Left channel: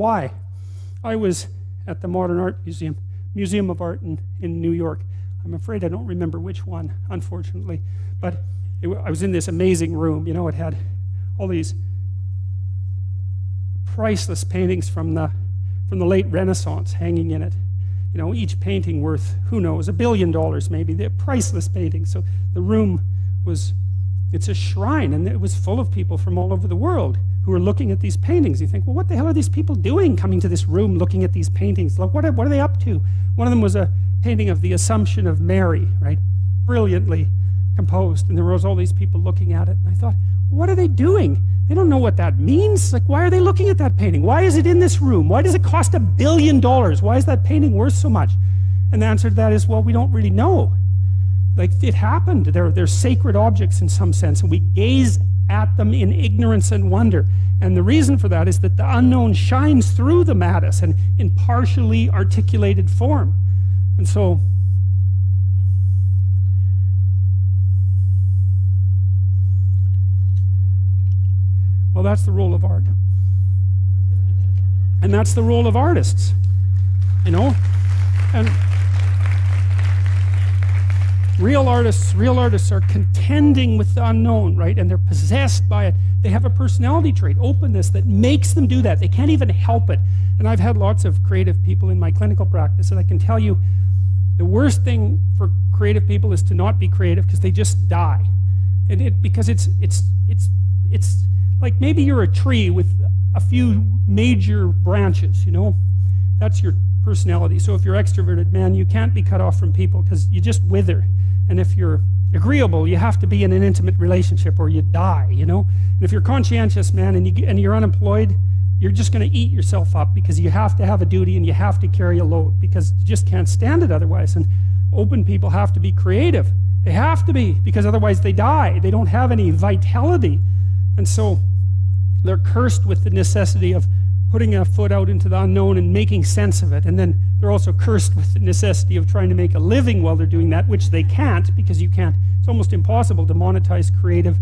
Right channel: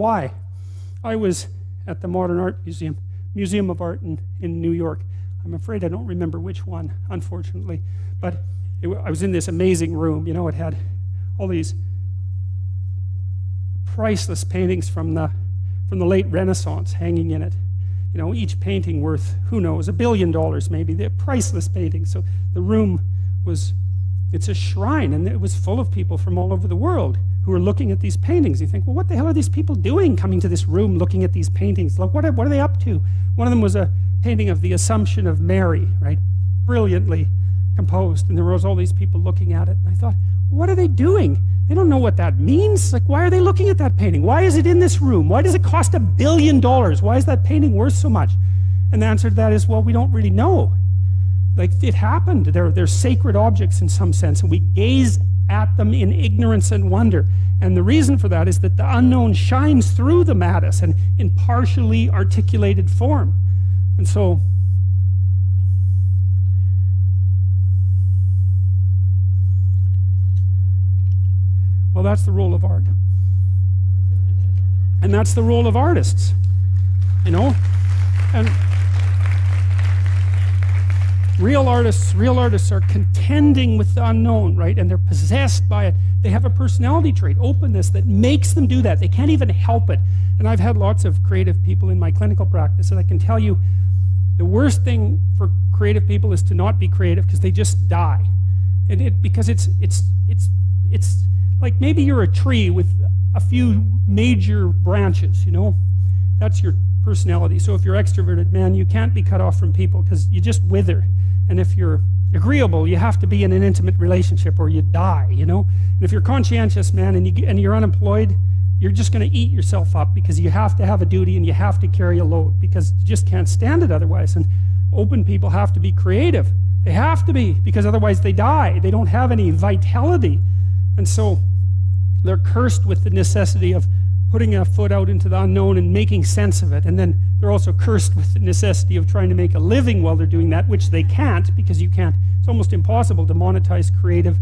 why. I was at the Modern Art Museum of Art in New York. I'm afraid I don't remember which one, unfortunately. But I was in this amazing room. You know, it had all these priceless paintings from the late Renaissance hanging in it. You know, each painting worth, who knows, $1 billion maybe. They're priceless paintings. So the room was, it's a shrine, and it was full of people from all over the world who were looking at these paintings. You think, well, what the hell are these people doing coming to this room looking at these paintings? Like, what are they up to? One of them was a painting of the Assumption of Mary, right? Brilliantly composed. And there was all these people looking at it. And I thought, what are they doing? They don't know what that means. Like, why are they looking at that painting? Why is it in this room? Why does it cost $1 billion? Why is that painting worth so much? And the answer to that is, well, we don't really know. Like, it happened. They're sacred objects in some sense, and we gaze at them in ignorance and wonder. And the reason for that is that the unknown shines through them at us and in partially articulated form. And so, well, that's the role of art. And that's the role of artists, you know? And real artists are contending with the unknown, right? And they're possessed by it. They have a personality trait, openness, that makes them do that. They can't even help it. And I've had lots of creative people in my clinical practice, and I can tell you the worst thing for creative people is to not be creative, because they just die. Because it's like maybe you're a tree with a few major branches, you know? That's your personality. So if you're extroverted, man, you can't be cut off from people because you just wither. And if you're agreeable, you have to be in an intimate relationship or you die, you know? And if you're conscientious, man, and you're unemployed, you're just going to eat yourself up because you have to have a duty and you have to carry a load because you just can't stand it otherwise. And open people have to be creative. They have to be, because otherwise they die. They don't have any vitality. And so they're cursed with the necessity of putting a foot out into the unknown and making sense of it. And then they're also cursed with the necessity of trying to make a living while they're doing that, which they can't, because you can't. It's almost impossible to monetize creative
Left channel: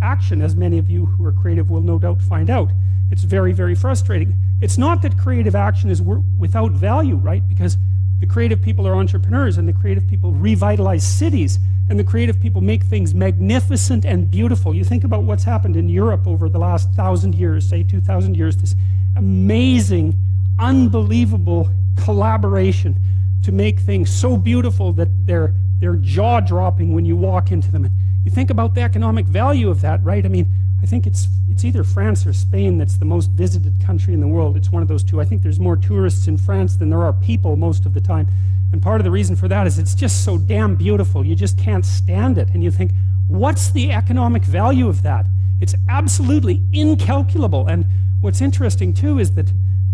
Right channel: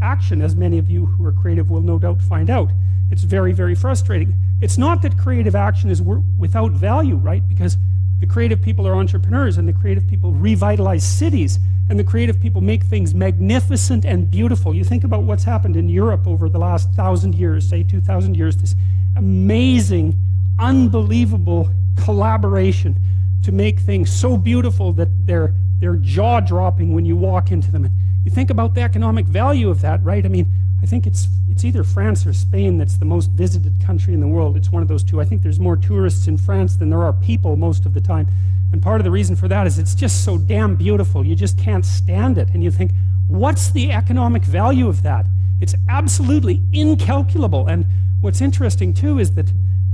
action, as many of you who are creative will no doubt find out. It's very, very frustrating. It's not that creative action is without value, right? Because the creative people are entrepreneurs, and the creative people revitalize cities, and the creative people make things magnificent and beautiful. You think about what's happened in Europe over the last 1,000 years, say 2,000 years, this amazing, unbelievable collaboration to make things so beautiful that they're jaw-dropping when you walk into them. And you think about the economic value of that, right? I mean, I think it's either France or Spain that's the most visited country in the world. It's one of those two. I think there's more tourists in France than there are people most of the time. And part of the reason for that is it's just so damn beautiful. You just can't stand it. And you think, what's the economic value of that? It's absolutely incalculable. And what's interesting too is that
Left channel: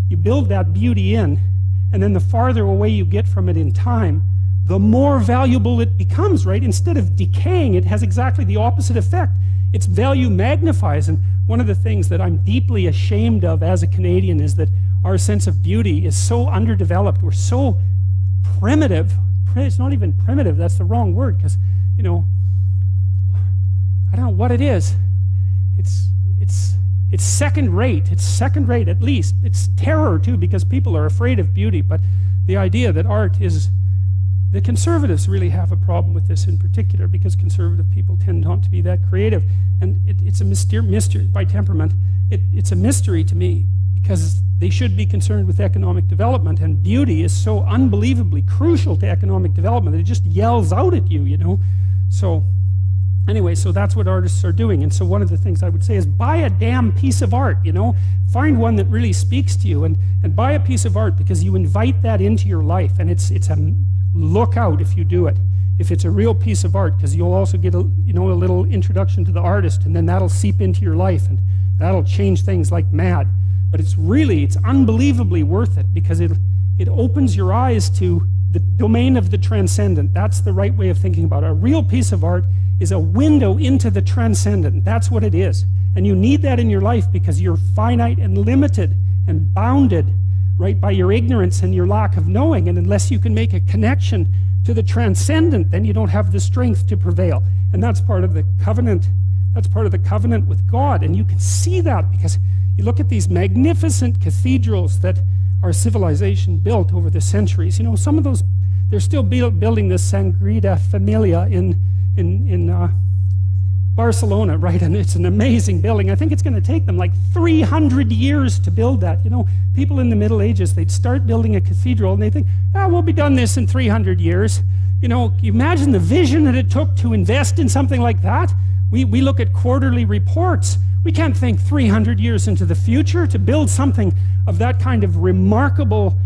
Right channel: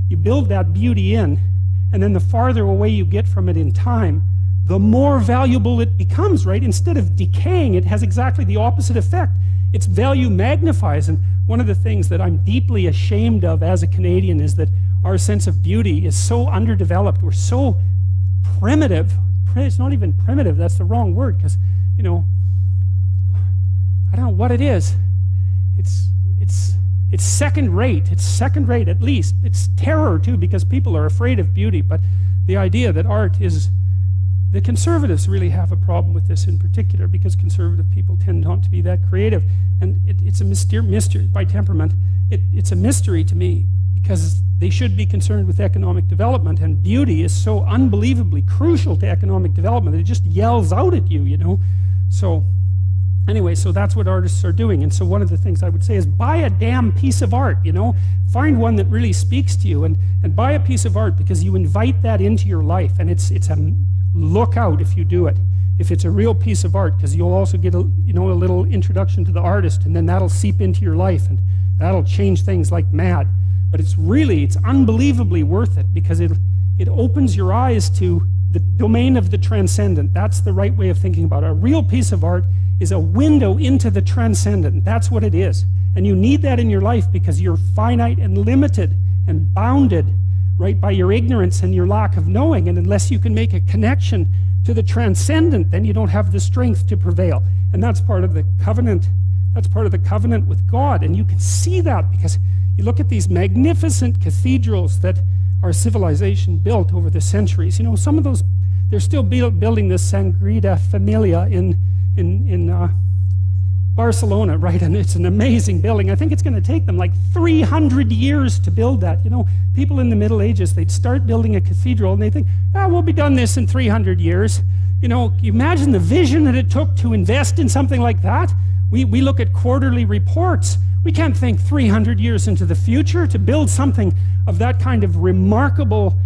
you build that beauty in, and then the farther away you get from it in time, the more valuable it becomes, right? Instead of decaying, it has exactly the opposite effect. Its value magnifies. And one of the things that I'm deeply ashamed of as a Canadian is that our sense of beauty is so underdeveloped. We're so primitive. It's not even primitive, that's the wrong word, because, you know, I don't know what it is. It's second rate. It's second rate at least. It's terror too, because people are afraid of beauty. But the idea that art is, the conservatives really have a problem with this in particular, because conservative people tend not to be that creative. And it's a mystery by temperament. It's a mystery to me, because they should be concerned with economic development, and beauty is so unbelievably crucial to economic development that it just yells out at you, you know? So anyway, so that's what artists are doing. And so one of the things I would say is buy a damn piece of art, you know? Find one that really speaks to you, and buy a piece of art, because you invite that into your life, and it's a look out if you do it. If it's a real piece of art, because you'll also get a little introduction to the artist, and then that'll seep into your life, and that'll change things like mad. But it's unbelievably worth it, because it opens your eyes to the domain of the transcendent. That's the right way of thinking about it. A real piece of art is a window into the transcendent. That's what it is. And you need that in your life, because you're finite and limited and bounded, right, by your ignorance and your lack of knowing. And unless you can make a connection to the transcendent, then you don't have the strength to prevail. And that's part of the covenant That's part of the covenant with God. And you can see that because you look at these magnificent cathedrals that our civilization built over the centuries. You know, some of those, they're still building the Sagrada Familia in Barcelona, right? And it's an amazing building. I think it's going to take them like 300 years to build that. You know, people in the Middle Ages, they'd start building a cathedral and they think, we'll be done this in 300 years. You know, you imagine the vision that it took to invest in something like that. We look at quarterly reports. We can't think 300 years into the future to build something of that kind of remarkable,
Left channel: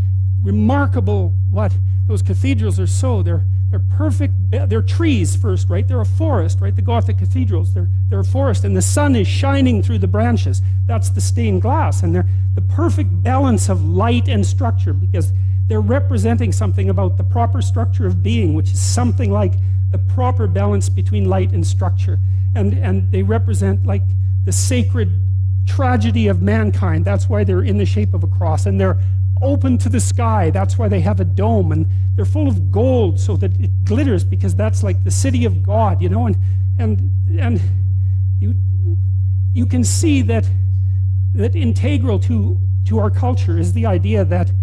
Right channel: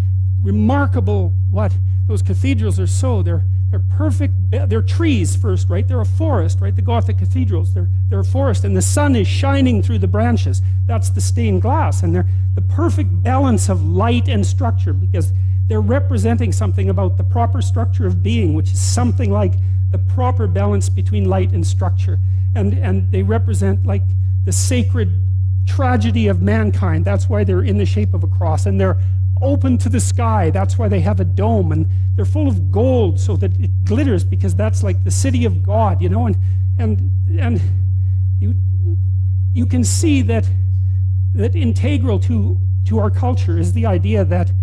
what? Those cathedrals are so, they're perfect, they're trees first, right? They're a forest, right? The Gothic cathedrals, they're a forest, and the sun is shining through the branches. That's the stained glass, and they're the perfect balance of light and structure, because they're representing something about the proper structure of being, which is something like the proper balance between light and structure. And they represent like the sacred tragedy of mankind. That's why they're in the shape of a cross, and they're open to the sky. That's why they have a dome, and they're full of gold so that it glitters, because that's like the city of God, you know. And you can see that integral to our culture is the idea that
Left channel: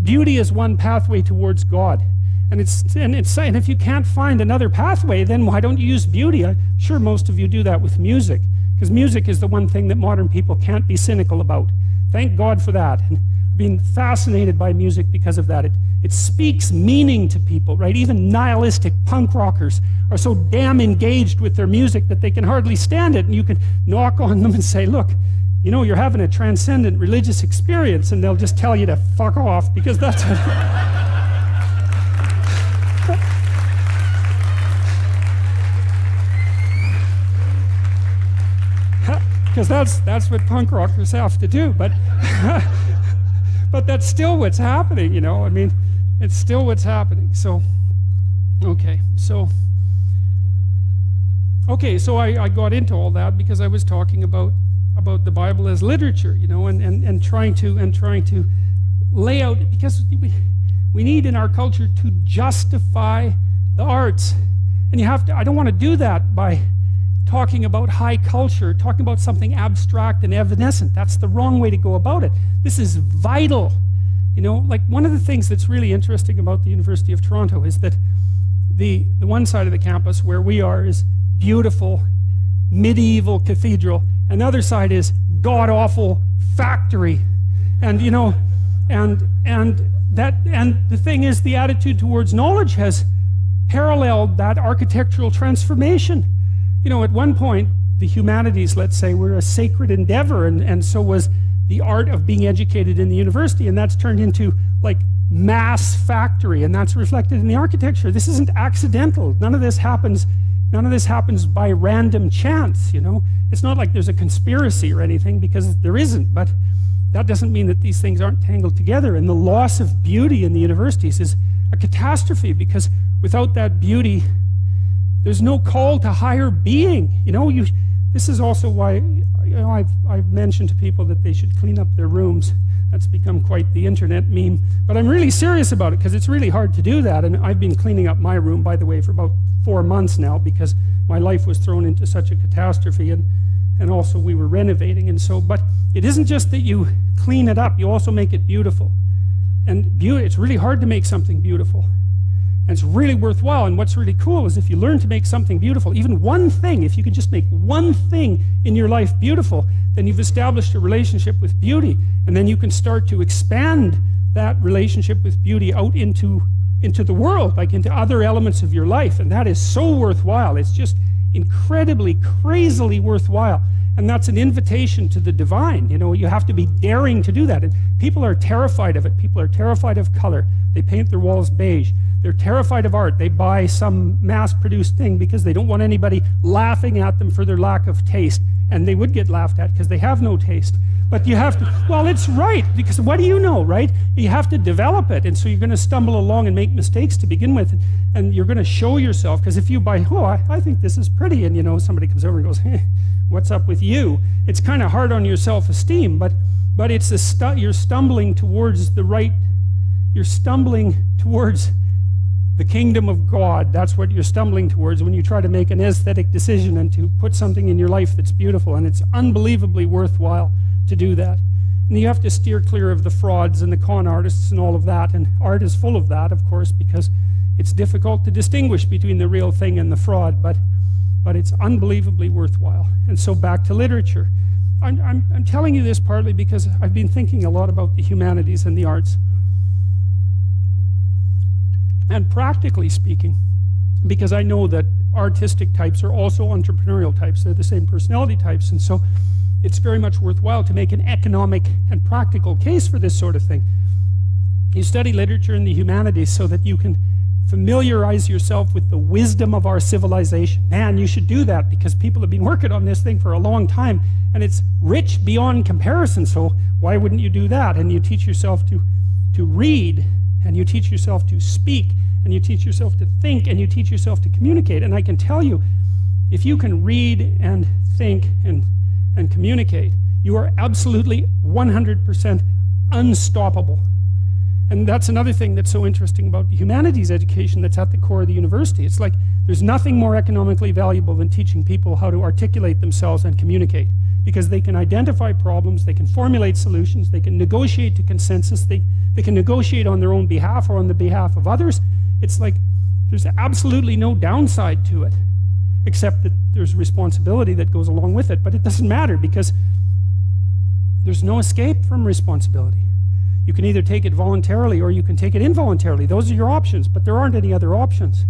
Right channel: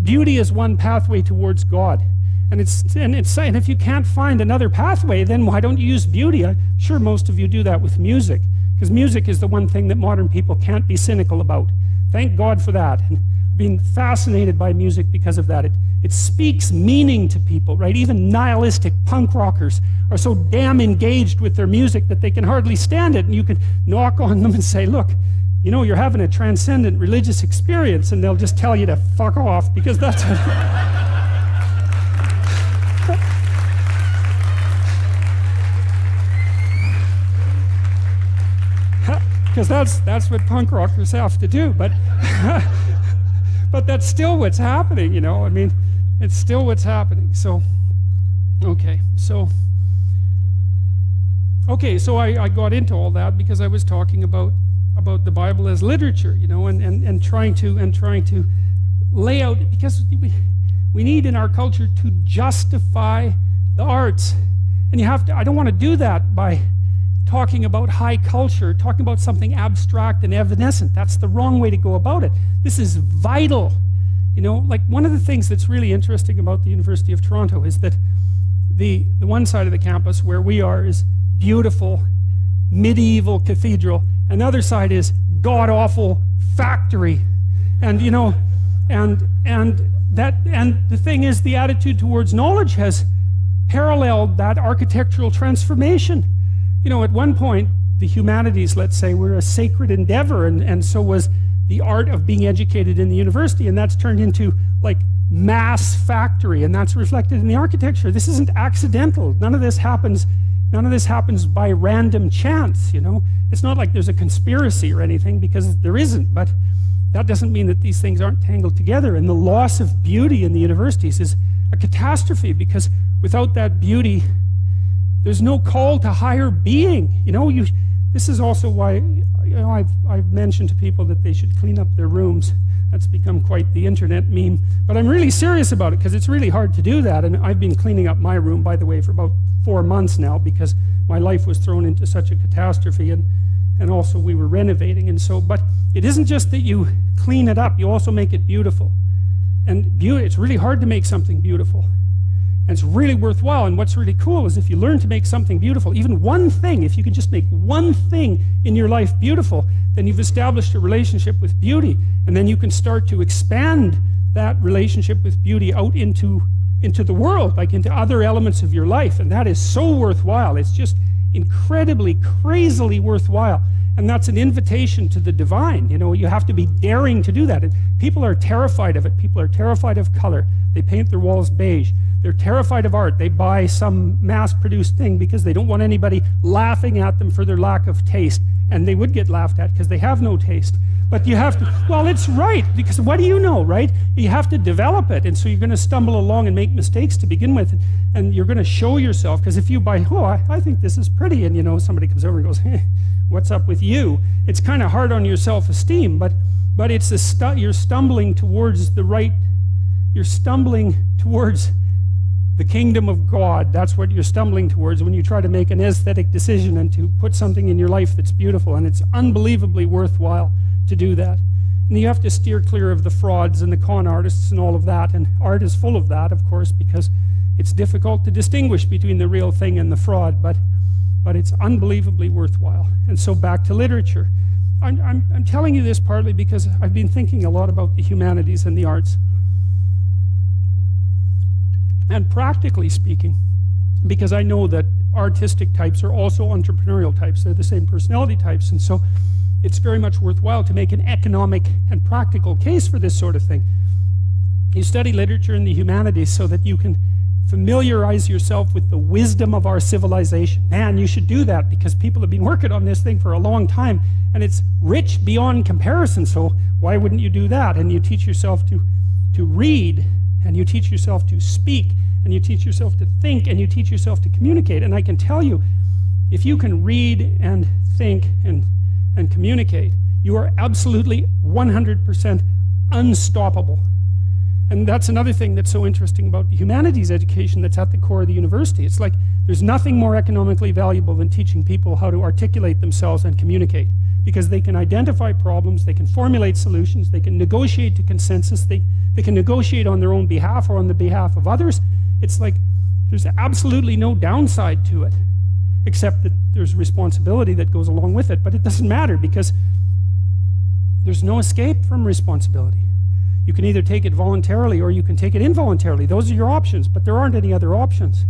beauty is one pathway towards God. And if you can't find another pathway, then why don't you use beauty? I'm sure most of you do that with music, because music is the one thing that modern people can't be cynical about. Thank God for that. And I've been fascinated by music because of that. It speaks meaning to people, right? Even nihilistic punk rockers are so damn engaged with their music that they can hardly stand it. And you can knock on them and say, look, you know, you're having a transcendent religious experience, and they'll just tell you to fuck off, because that's because that's what punk rockers have to do, but but that's still what's happening, you know. I mean, it's still what's happening. So I got into all that because I was talking about the Bible as literature, you know, and trying to lay out, because we need in our culture to justify the arts, and you have to. I don't want to do that by talking about high culture, talking about something abstract and evanescent. That's the wrong way to go about it. This is vital. You know, like one of the things that's really interesting about the University of Toronto is that the one side of the campus where we are is beautiful, medieval cathedral, and the other side is god-awful factory. And you know, and the thing is, the attitude towards knowledge has paralleled that architectural transformation. You know, at one point, the humanities, let's say, were a sacred endeavor, and so was the art of being educated in the university, and that's turned into, like, mass factory, and that's reflected in the architecture. This isn't accidental. None of this happens by random chance, you know. It's not like there's a conspiracy or anything, because there isn't, but that doesn't mean that these things aren't tangled together, and the loss of beauty in the universities is a catastrophe, because without that beauty, there's no call to higher being. You know, this is also why, you know, I've mentioned to people that they should clean up their rooms. That's become quite the internet meme. But I'm really serious about it, because it's really hard to do that. And I've been cleaning up my room, by the way, for about 4 months now, because my life was thrown into such a catastrophe, and also we were renovating. And so, but it isn't just that you clean it up, you also make it beautiful. And beauty, it's really hard to make something beautiful. And it's really worthwhile. And what's really cool is if you learn to make something beautiful, even one thing, if you can just make one thing in your life beautiful, then you've established a relationship with beauty. And then you can start to expand that relationship with beauty out into the world, like into other elements of your life. And that is so worthwhile. It's just incredibly, crazily worthwhile. And that's an invitation to the divine. You know, you have to be daring to do that. And people are terrified of it. People are terrified of color. They paint their walls beige. They're terrified of art. They buy some mass-produced thing because they don't want anybody laughing at them for their lack of taste. And they would get laughed at because they have no taste. But you have to, well, it's right, because what do you know, right? You have to develop it. And so you're going to stumble along and make mistakes to begin with. And you're going to show yourself, because if you buy, I think this is pretty, and you know, somebody comes over and goes, hey, what's up with you? It's kind of hard on your self-esteem, but it's you're stumbling towards the right, you're stumbling towards the kingdom of God, that's what you're stumbling towards when you try to make an aesthetic decision and to put something in your life that's beautiful, and it's unbelievably worthwhile to do that. And you have to steer clear of the frauds and the con artists and all of that, and art is full of that, of course, because it's difficult to distinguish between the real thing and the fraud, but it's unbelievably worthwhile. And so back to literature. I'm telling you this partly because I've been thinking a lot about the humanities and the arts. And practically speaking, because I know that artistic types are also entrepreneurial types, they're the same personality types, and so it's very much worthwhile to make an economic and practical case for this sort of thing. You study literature and the humanities so that you can familiarize yourself with the wisdom of our civilization. Man, you should do that because people have been working on this thing for a long time and it's rich beyond comparison, so why wouldn't you do that? And you teach yourself to read, and you teach yourself to speak, and you teach yourself to think, and you teach yourself to communicate. And I can tell you, if you can read and think and communicate, you are absolutely 100% unstoppable. And that's another thing that's so interesting about the humanities education that's at the core of the university. It's like there's nothing more economically valuable than teaching people how to articulate themselves and communicate, because they can identify problems, they can formulate solutions, they can negotiate to consensus, they can negotiate on their own behalf or on the behalf of others. It's like there's absolutely no downside to it, except that there's responsibility that goes along with it. But it doesn't matter because there's no escape from responsibility. You can either take it voluntarily or you can take it involuntarily. Those are your options, but there aren't any other options.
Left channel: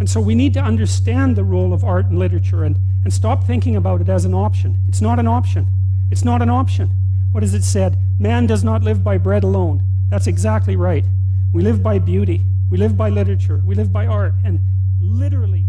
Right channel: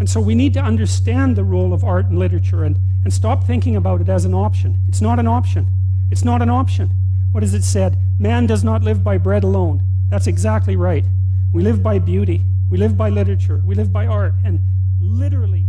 And so we need to understand the role of art and literature and stop thinking about it as an option. It's not an option. It's not an option. What is it said? Man does not live by bread alone. That's exactly right. We live by beauty. We live by literature. We live by art. And literally...